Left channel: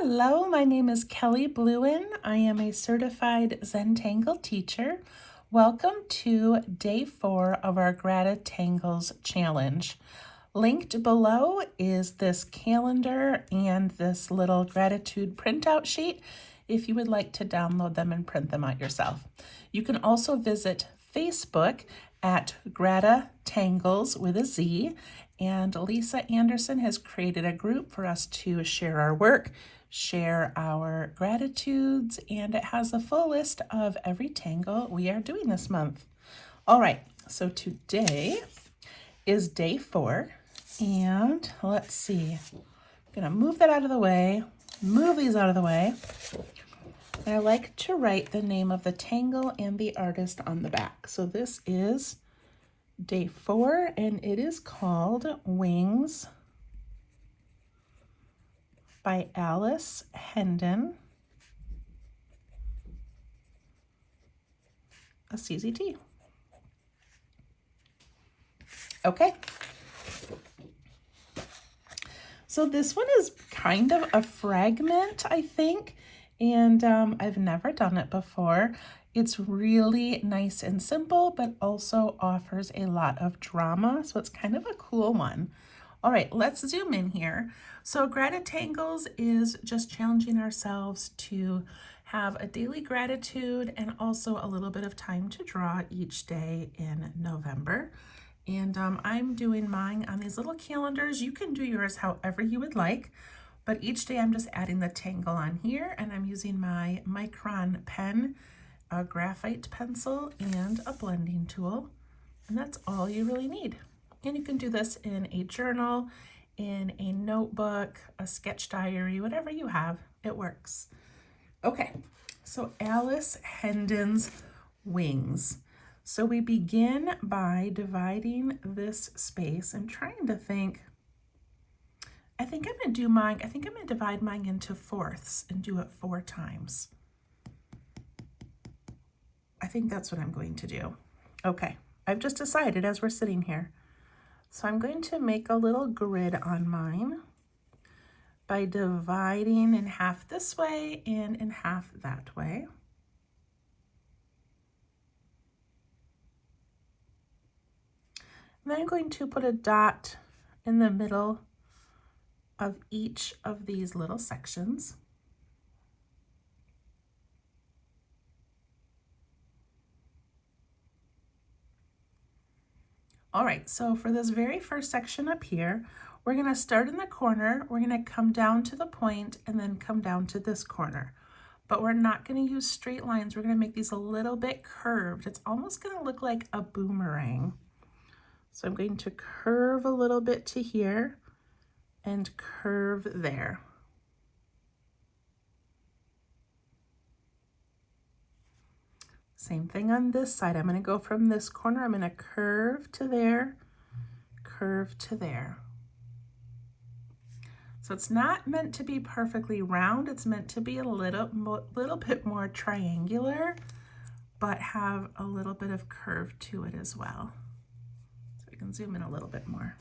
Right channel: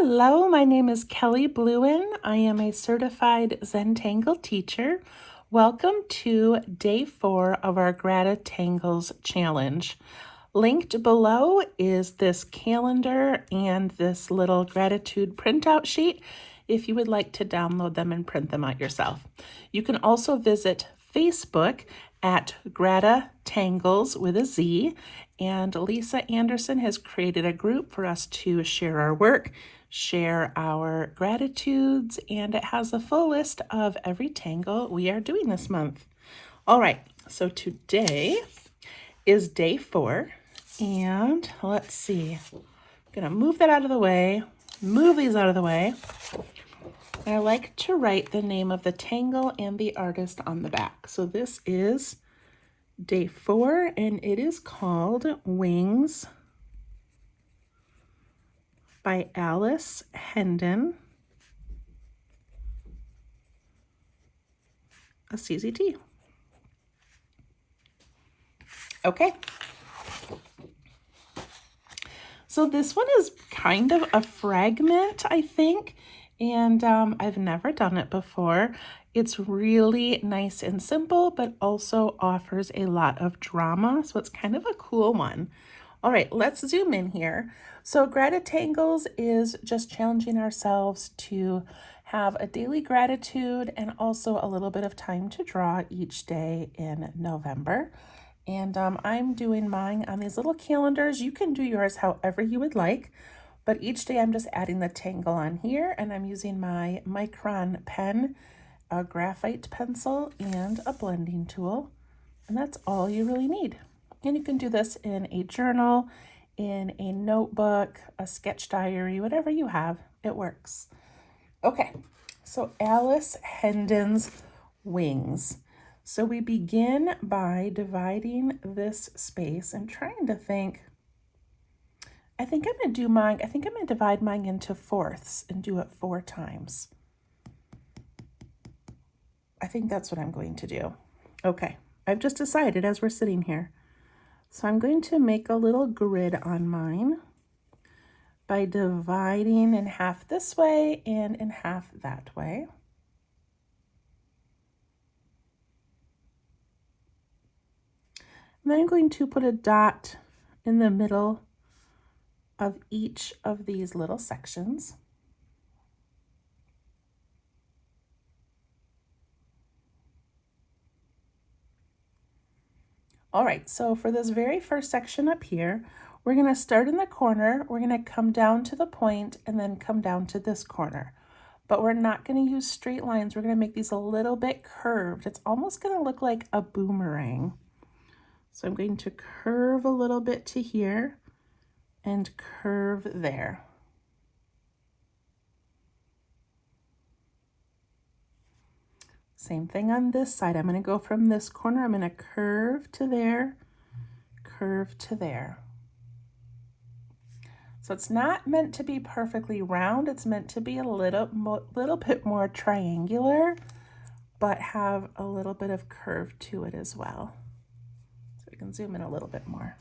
Hello, my name is Kelly Bluen. I am a certified Zentangle teacher. Welcome to day 4 of our GratitangleZ challenge. Linked below is this calendar and this little gratitude printout sheet if you would like to download them and print them out yourself. You can also visit Facebook at GratitangleZ with a Z, and Lisa Anderson has created a group for us to share our work, share our gratitudes, and it has a full list of every tangle we are doing this month. All right, so today is day 4, and let's see. I'm gonna move that out of the way, move these out of the way. I like to write the name of the tangle and the artist on the back. So this is day 4, and it is called Wings by Alice Hendon, a CZT. Okay. So this one is kind of a fragment, I think, and I've never done it before. It's really nice and simple, but also offers a lot of drama, so it's kind of a cool one. All right, let's zoom in here. So GratitangleZ is just challenging ourselves to have a daily gratitude and also a little bit of time to draw each day in November. And I'm doing mine on these little calendars. You can do yours however you would like, but each day I'm just adding the tangle on here, and I'm using my Micron pen, a graphite pencil, and a blending tool. And that's all you really need. And you can do this in a journal, in a notebook, a sketch diary, whatever you have, it works. Okay, so Alice Hendon's Wings. So we begin by dividing this space and trying to think, I think I'm gonna divide mine into fourths and do it 4 times. I think that's what I'm going to do. Okay, I've just decided as we're sitting here. So I'm going to make a little grid on mine by dividing in half this way and in half that way. And then I'm going to put a dot in the middle of each of these little sections. All right, so for this very first section up here, we're gonna start in the corner, we're gonna come down to the point and then come down to this corner. But we're not gonna use straight lines, we're gonna make these a little bit curved. It's almost gonna look like a boomerang. So I'm going to curve a little bit to here and curve there. Same thing on this side. I'm going to go from this corner, I'm going to curve to there, curve to there. So it's not meant to be perfectly round, it's meant to be a little bit more triangular, but have a little bit of curve to it as well. So we can zoom in a little bit more.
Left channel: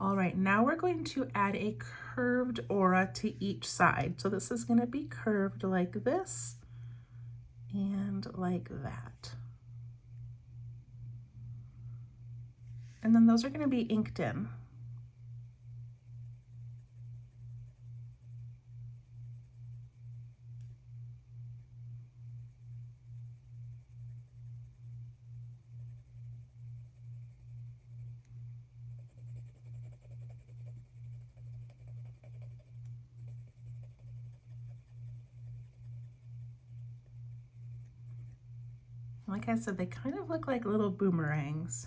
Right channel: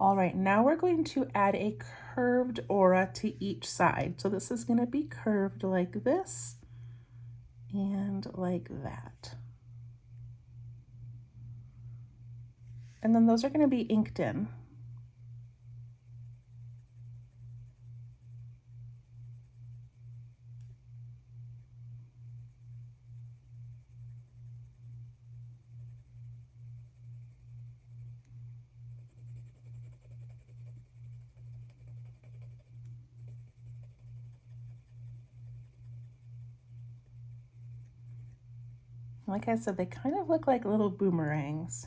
All right, now we're going to add a curved aura to each side. So this is going to be curved like this and like that. And then those are going to be inked in. Like I said, they kind of look like little boomerangs.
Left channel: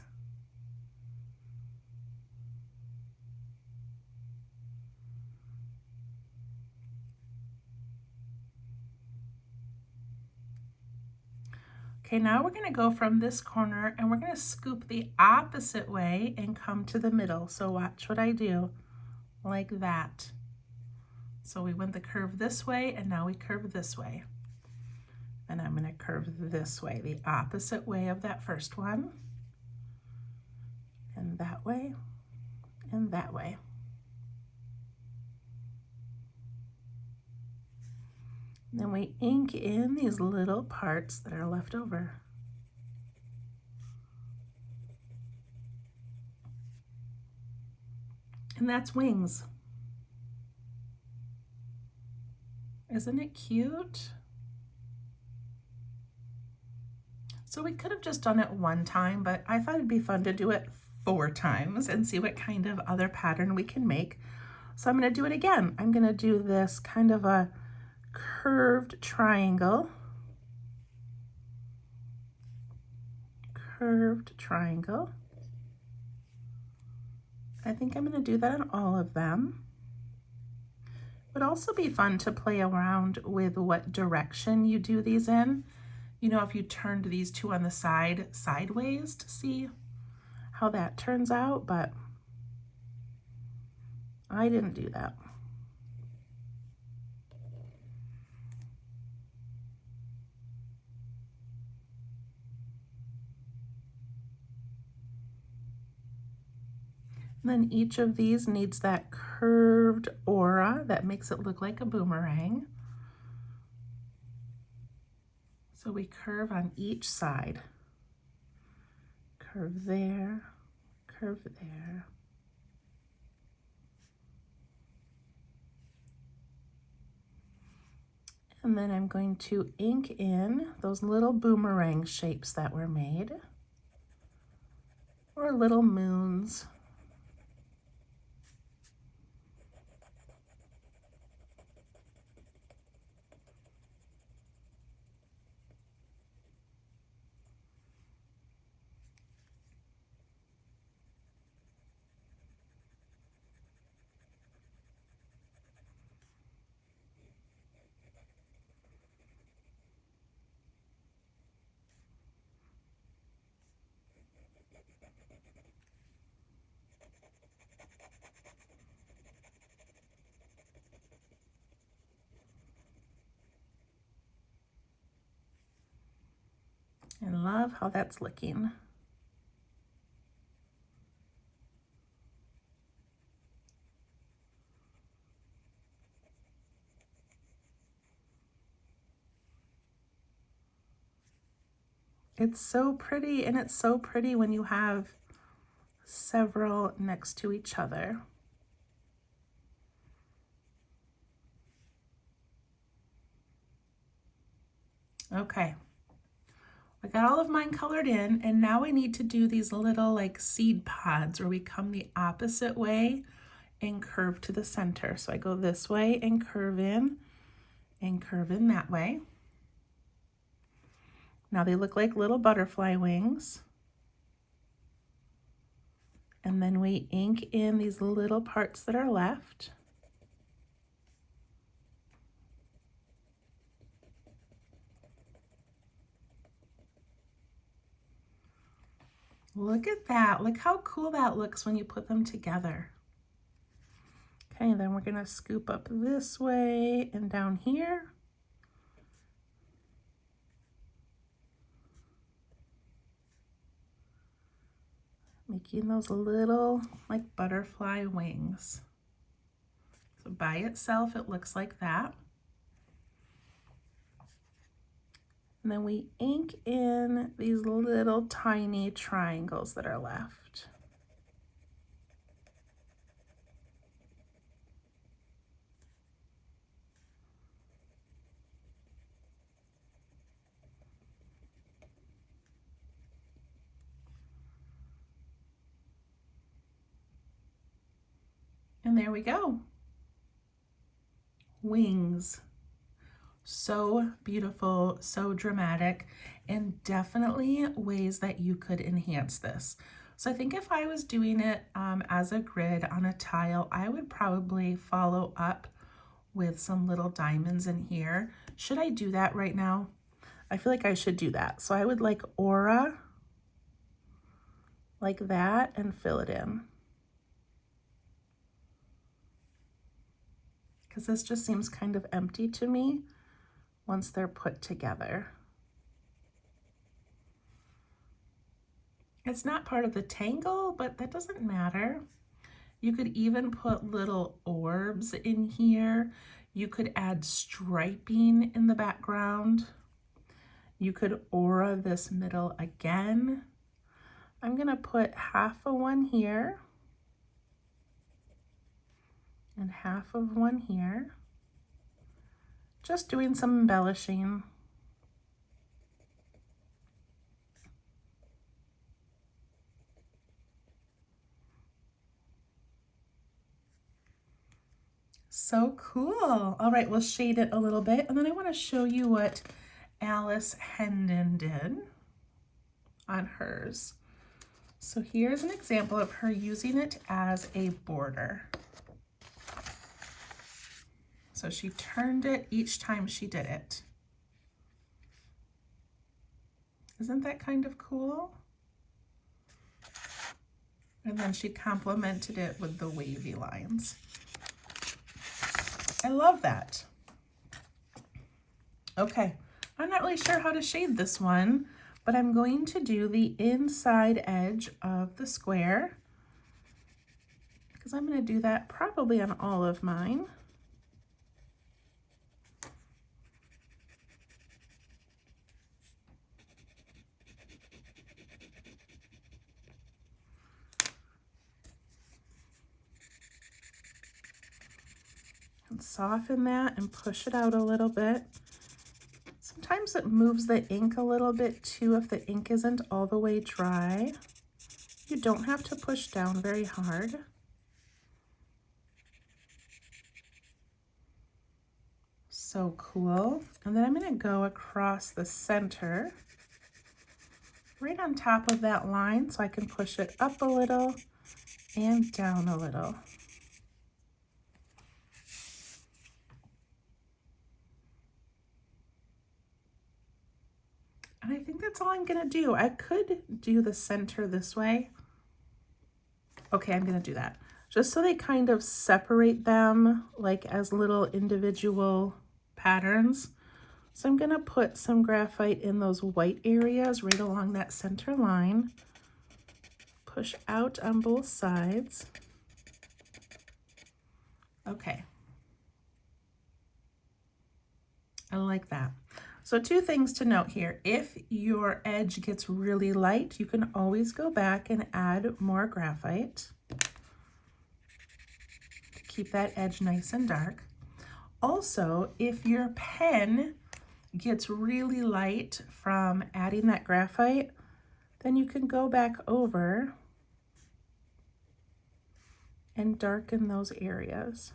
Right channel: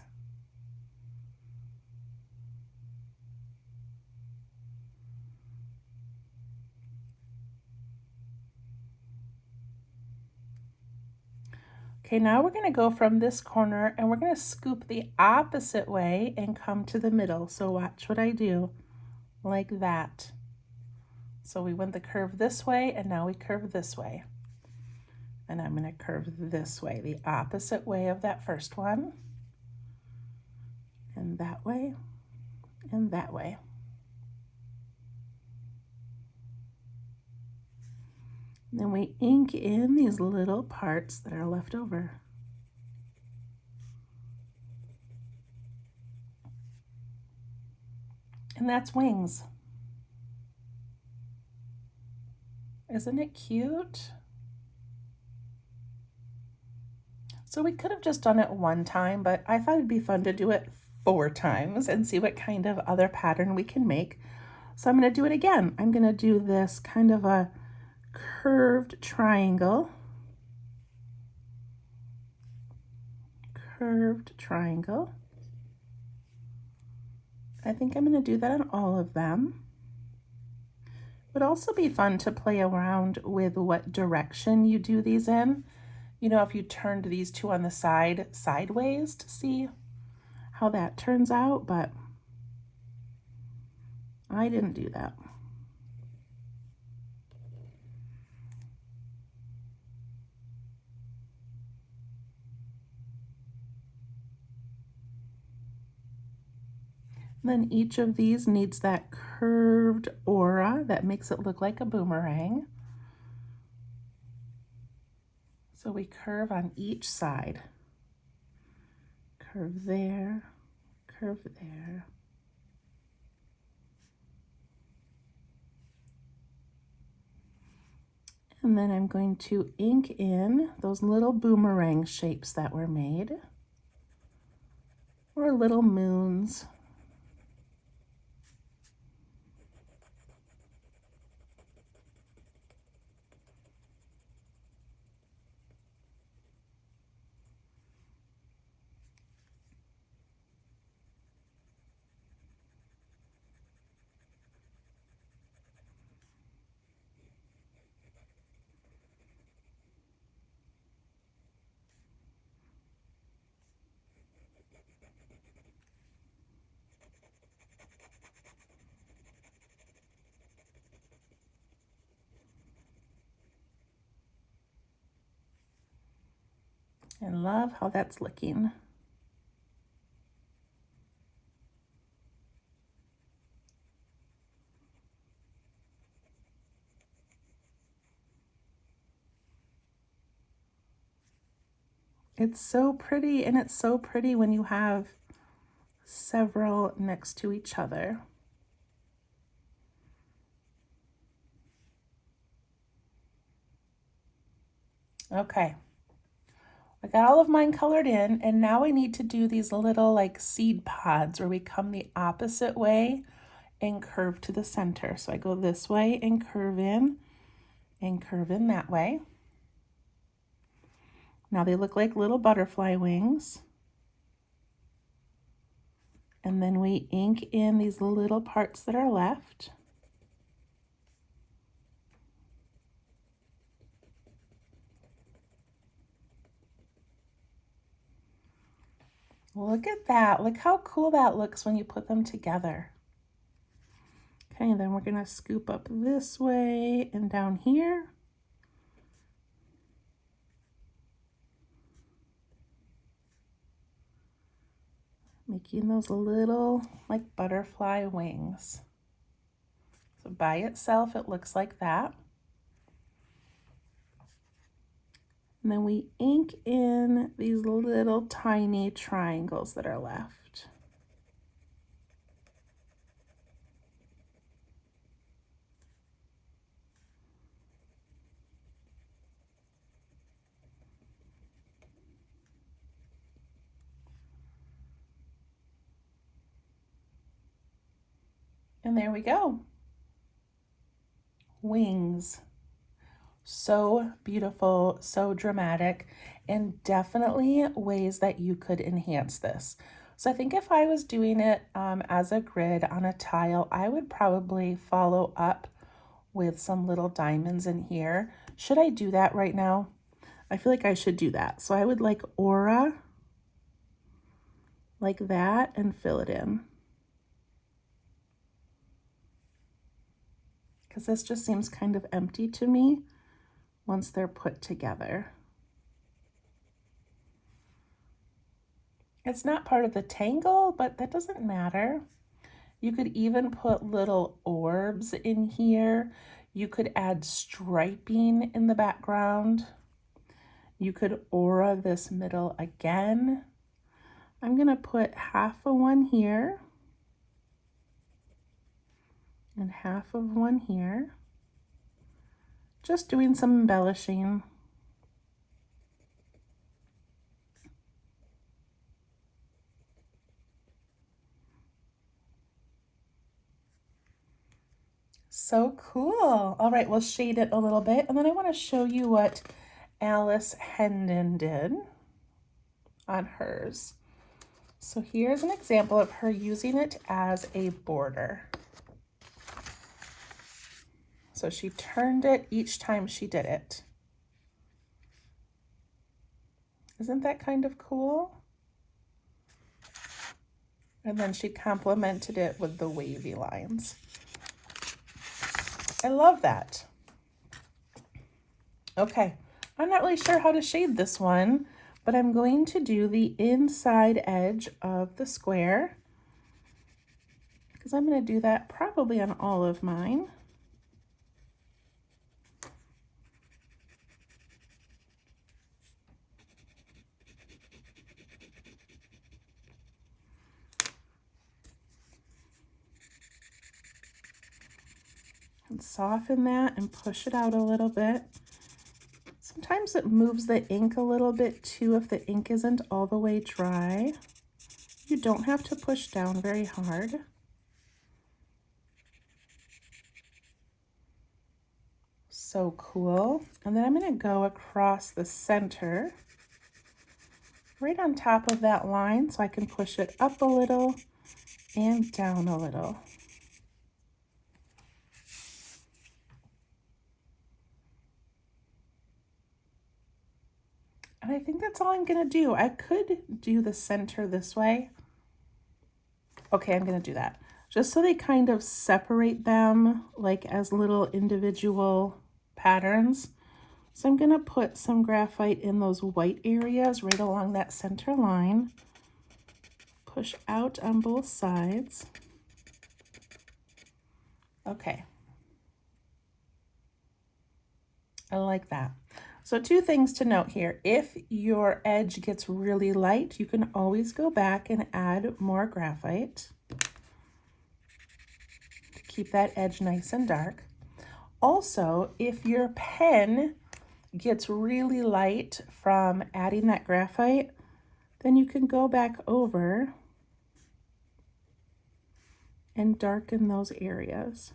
Okay, now we're going to go from this corner and we're going to scoop the opposite way and come to the middle. So watch what I do, like that. So we went the curve this way and now we curve this way. And I'm going to curve this way, the opposite way of that first one. and that way, and that way. Then we ink in these little parts that are left over. And that's wings. Isn't it cute? So we could have just done it one time, but I thought it'd be fun to do it 4 times and see what kind of other pattern we can make. So I'm going to do it again. I'm going to do this kind of a curved triangle. Curved triangle. I think I'm going to do that on all of them. It would also be fun to play around with what direction you do these in. You know, if you turned these two on the side sideways to see how that turns out, but I didn't do that. Then each of these needs that curved aura that makes it look like a boomerang. So we curve on each side. Curve there, curve there. And then I'm going to ink in those little boomerang shapes that were made, or little moons. I love how that's looking. It's so pretty, and it's so pretty when you have several next to each other. Okay, I got all of mine colored in, and now I need to do these little like seed pods where we come the opposite way and curve to the center. So I go this way and curve in that way. Now they look like little butterfly wings. And then we ink in these little parts that are left. Look at that. Look how cool that looks when you put them together. Okay, then we're going to scoop up this way and down here. Making those little like butterfly wings. So by itself, it looks like that. And then we ink in these little tiny triangles that are left. And there we go. Wings. So beautiful, so dramatic, and definitely ways that you could enhance this. So I think if I was doing it as a grid on a tile, I would probably follow up with some little diamonds in here. Should I do that right now? I feel like I should do that. So I would like aura like that and fill it in. Because this just seems kind of empty to me once they're put together. It's not part of the tangle, but that doesn't matter. You could even put little orbs in here. You could add striping in the background. You could aura this middle again. I'm gonna put half of one here and half of one here. Just doing some embellishing. So cool. All right, we'll shade it a little bit, and then I want to show you what Alice Hendon did on hers. So here's an example of her using it as a border. So she turned it each time she did it. Isn't that kind of cool? And then she complemented it with the wavy lines. I love that. Okay, I'm not really sure how to shade this one, but I'm going to do the inside edge of the square because I'm going to do that probably on all of mine. And soften that and push it out a little bit. Sometimes it moves the ink a little bit too if the ink isn't all the way dry. You don't have to push down very hard. So cool. And then I'm going to go across the center, right on top of that line, so I can push it up a little and down a little. And I think that's all I'm gonna do. I could do the center this way. Okay, I'm gonna do that. Just so they kind of separate them like as little individual patterns. So I'm gonna put some graphite in those white areas right along that center line. Push out on both sides. Okay. I like that. So two things to note here. If your edge gets really light, you can always go back and add more graphite to keep that edge nice and dark. Also, if your pen gets really light from adding that graphite, then you can go back over and darken those areas.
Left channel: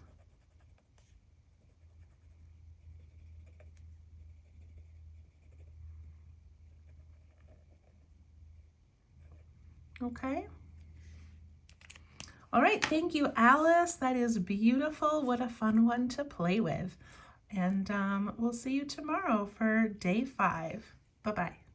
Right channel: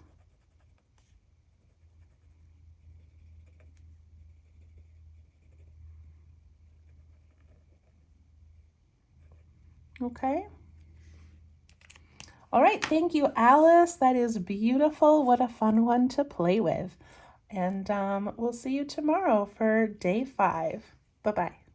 Okay. All right, thank you, Alice. That is beautiful. What a fun one to play with. And we'll see you tomorrow for day 5. Bye-bye.